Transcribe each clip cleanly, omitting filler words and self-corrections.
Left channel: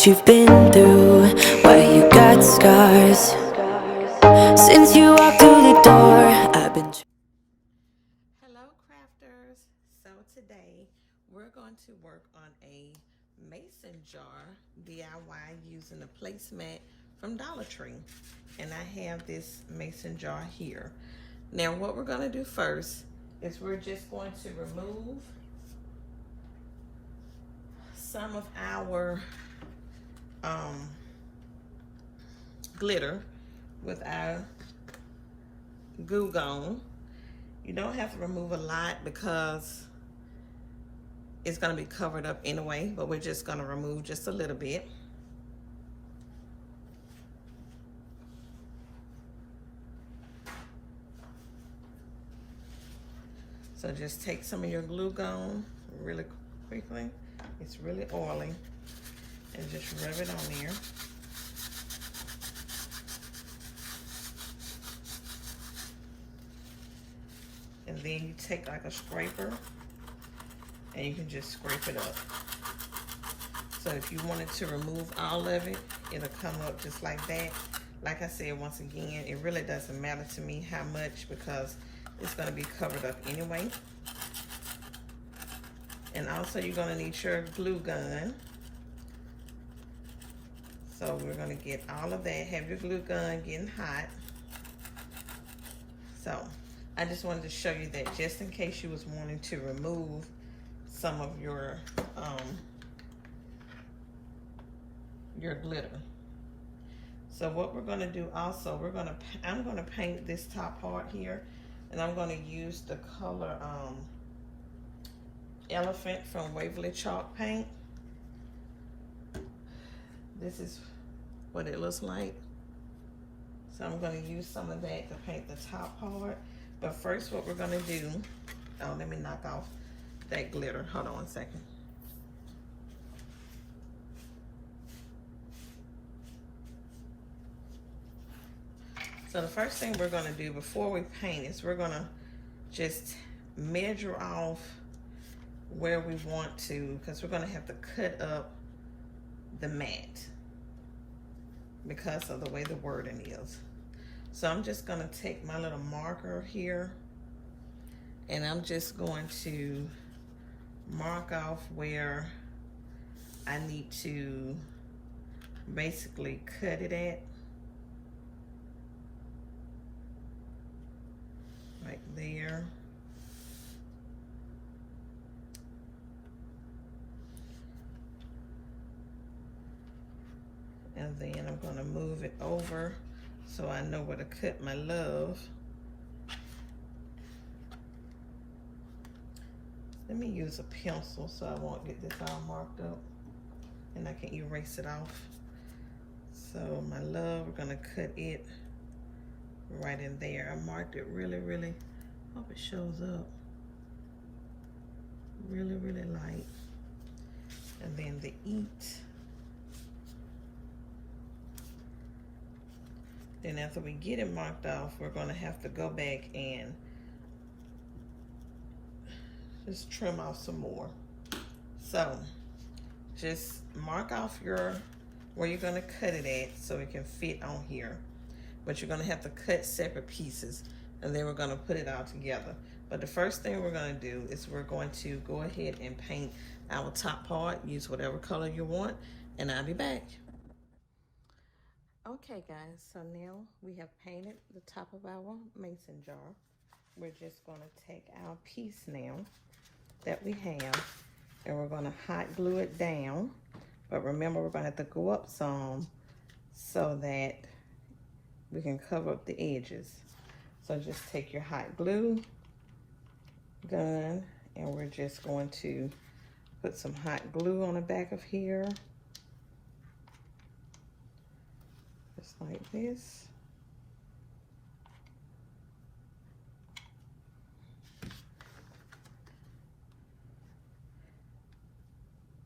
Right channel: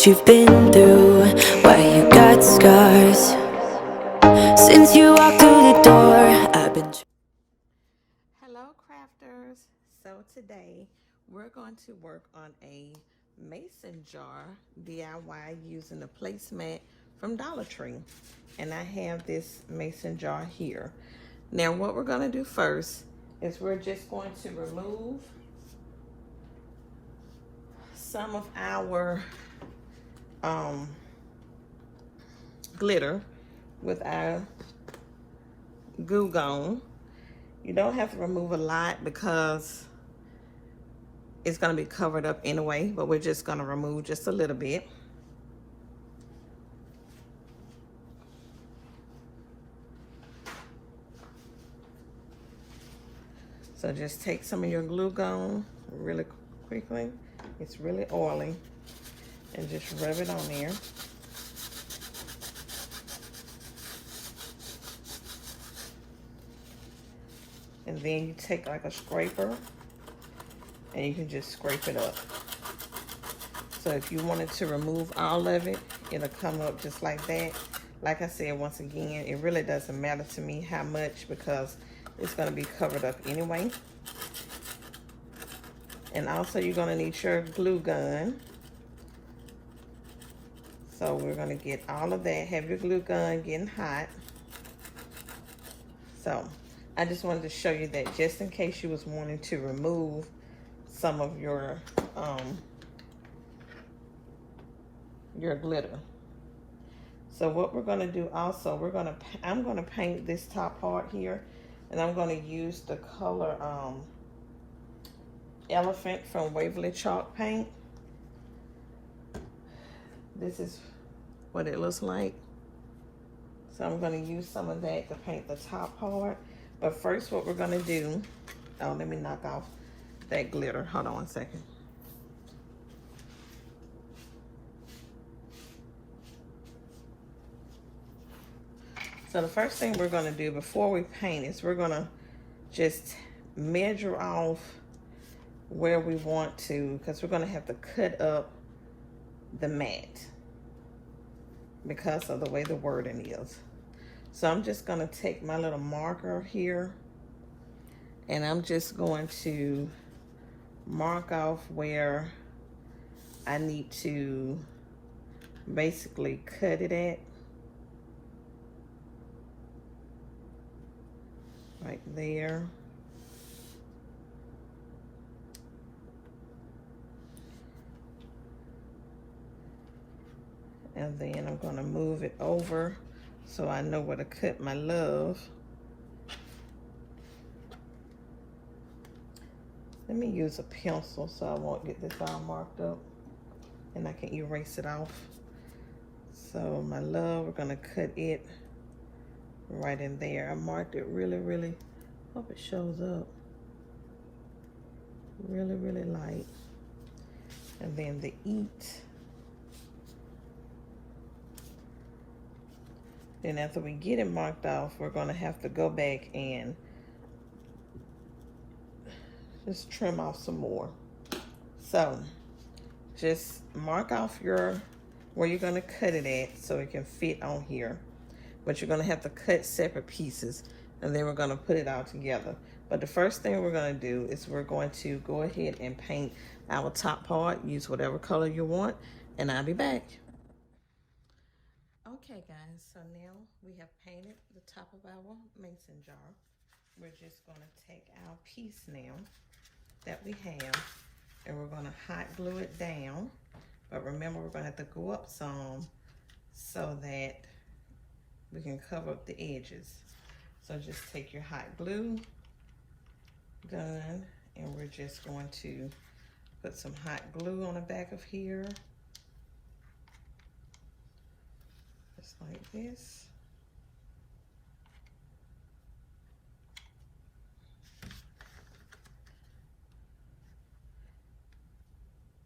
what you've been through, why you got scars. Since you walked through the door, I've been. Hello crafters. So today we're going to work on a mason jar DIY using the placemat from Dollar Tree. And I have this mason jar here. Now what we're going to do first is we're just going to remove some of our glitter with our glue gun. You don't have to remove a lot because it's going to be covered up anyway, but we're just going to remove just a little bit. So just take some of your glue gun really quickly. It's really oily, and just rub it on there. And then you take like a scraper and you can just scrape it up. So if you wanted to remove all of it, it'll come up just like that. Like I said, once again, it really doesn't matter to me how much because it's going to be covered up anyway. And also you're going to need your glue gun. So we're going to get all of that. Have your glue gun getting hot. So I just wanted to show you that just in case you was wanting to remove some of your glitter. So what we're going to do also, I'm going to paint this top part here, and I'm going to use the color Elephant from Waverly Chalk Paint. This is what it looks like. So I'm going to use some of that to paint the top part. But first what we're going to do, oh, let me knock off that glitter. Hold on one second. So the first thing we're going to do before we paint is we're going to just measure off where we want to, because we're going to have to cut up the mat because of the way the wording is. So I'm just going to take my little marker here and I'm just going to mark off where I need to basically cut it at. Right there. And then I'm going to move it over so I know where to cut my love. Let me use a pencil so I won't get this all marked up and I can erase it off. So my love, we're going to cut it right in there. I marked it really, hope it shows up. Really light. And then the eat. Then after we get it marked off, we're going to have to go back and just trim off some more. So just mark off where you're going to cut it at so it can fit on here. But you're going to have to cut separate pieces and then we're going to put it all together. But the first thing we're going to do is we're going to go ahead and paint our top part. Use whatever color you want and I'll be back. Okay guys, so now we have painted the top of our mason jar. We're just going to take our piece now that we have and we're going to hot glue it down. But remember, we're going to have to go up some so that we can cover up the edges. So just take your hot glue gun and we're just going to put some hot glue on the back of here. Just like this.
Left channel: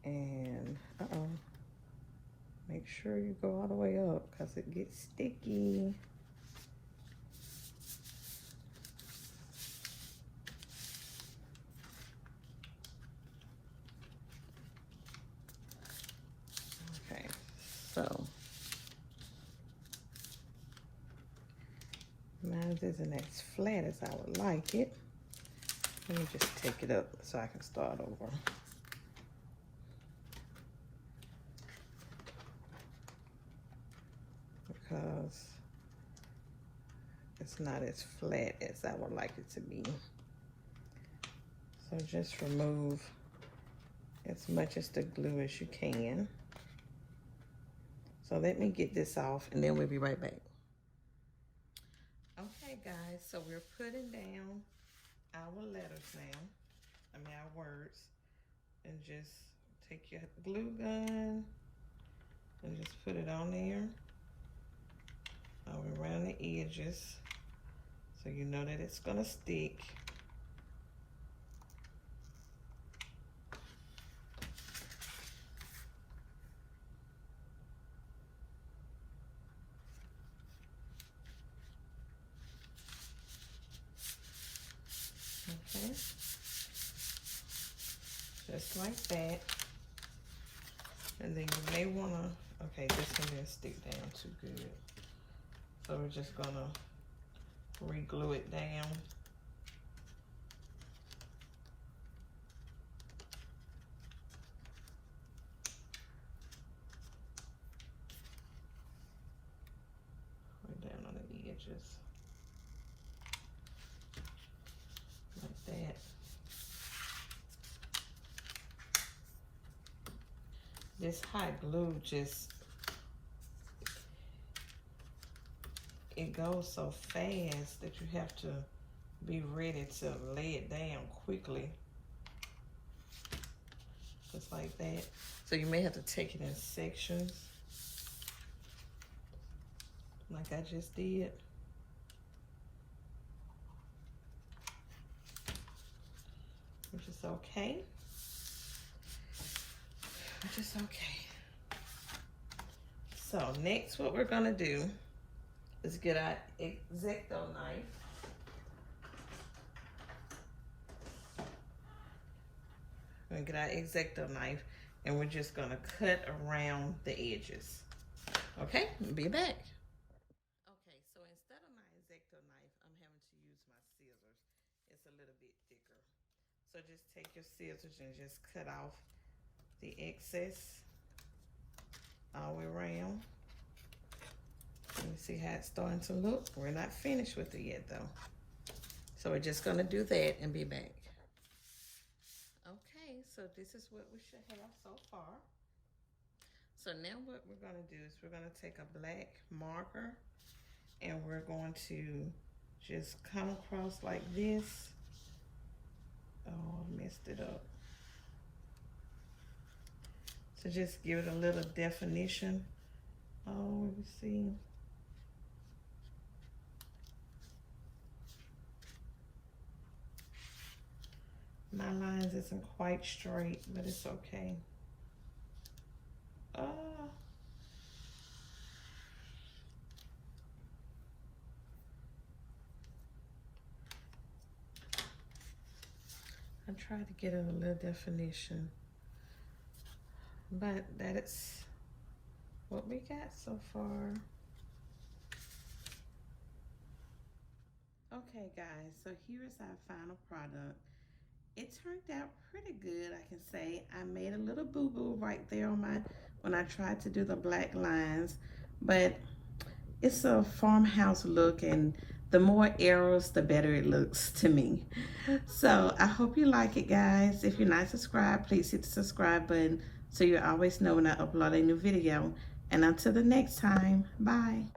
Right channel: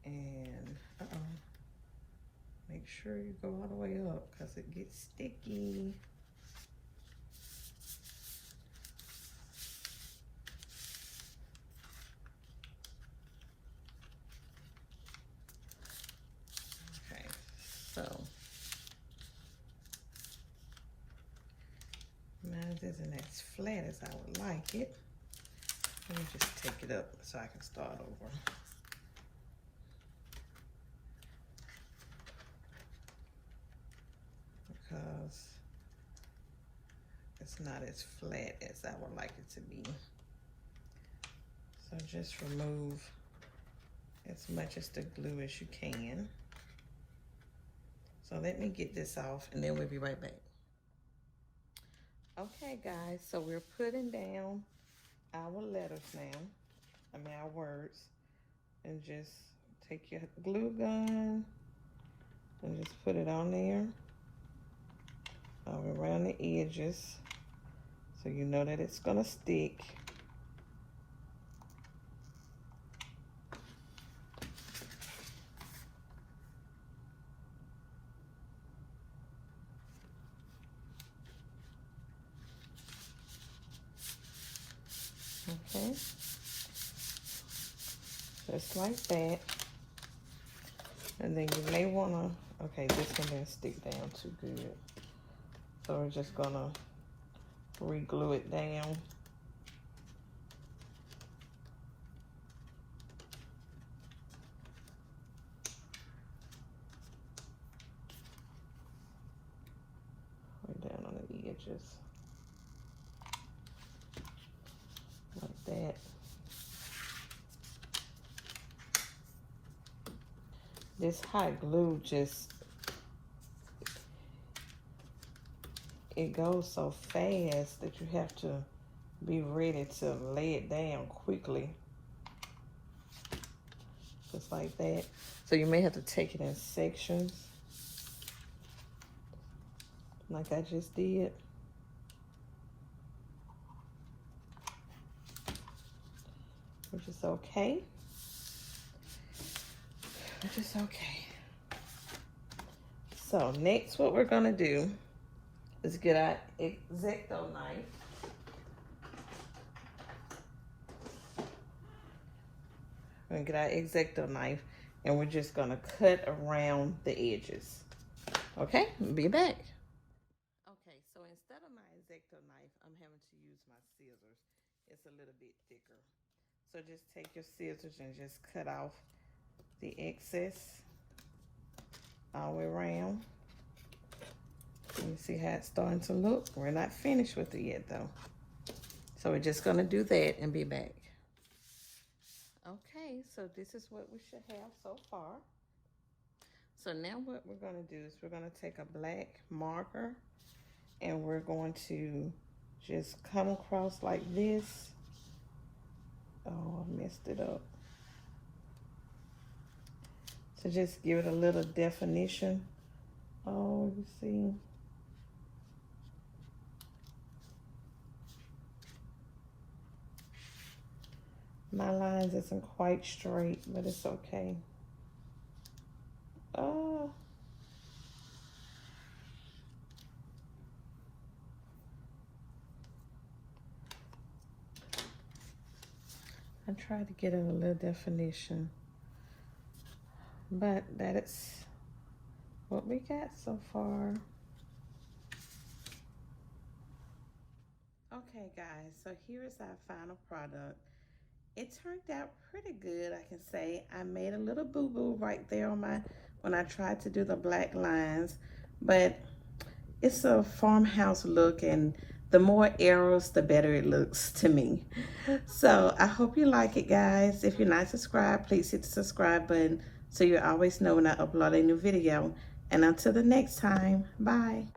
And make sure you go all the way up because it gets sticky. Okay. isn't as flat as I would like it. Let me just take it up so I can start over. Because it's not as flat as I would like it to be. So just remove as much as the glue as you can. So let me get this off and then we'll be right back. Okay guys, so we're putting down our letters now. I mean our words. And just take your glue gun and just put it on there. All around the edges. So you know that it's gonna stick. Okay, just like that. And then you may wanna, okay, this one didn't stick down too good. So we're just gonna re-glue it down. Right down on the edges. Like that. This hot glue just, it goes so fast that you have to be ready to lay it down quickly. Just like that. So you may have to take it in sections. Like I just did. Which is okay. Which is okay. So next what we're gonna do is get our X-Acto knife. We're gonna get our X-Acto knife and we're just gonna cut around the edges. Okay, be back. Okay, so instead of my X-Acto knife, I'm having to use my scissors. It's a little bit thicker. So just take your scissors and just cut off the excess all the way around. You see how it's starting to look? We're not finished with it yet though. So we're just gonna do that and be back. Okay, so this is what we should have so far. So now what we're gonna do is we're gonna take a black marker and we're going to just come across like this. Oh, I messed it up. So just give it a little definition. Oh, you see? My lines isn't quite straight, but it's okay. Oh. I tried to get a little definition, but that is what we got so far. Okay guys, so here is our final product. It turned out pretty good, I can say. I made a little boo-boo right there on when I tried to do the black lines, but it's a farmhouse look, and the more arrows, the better it looks to me. So I hope you like it, guys. If you're not subscribed, please hit the subscribe button so you always know when I upload a new video. And until the next time, bye.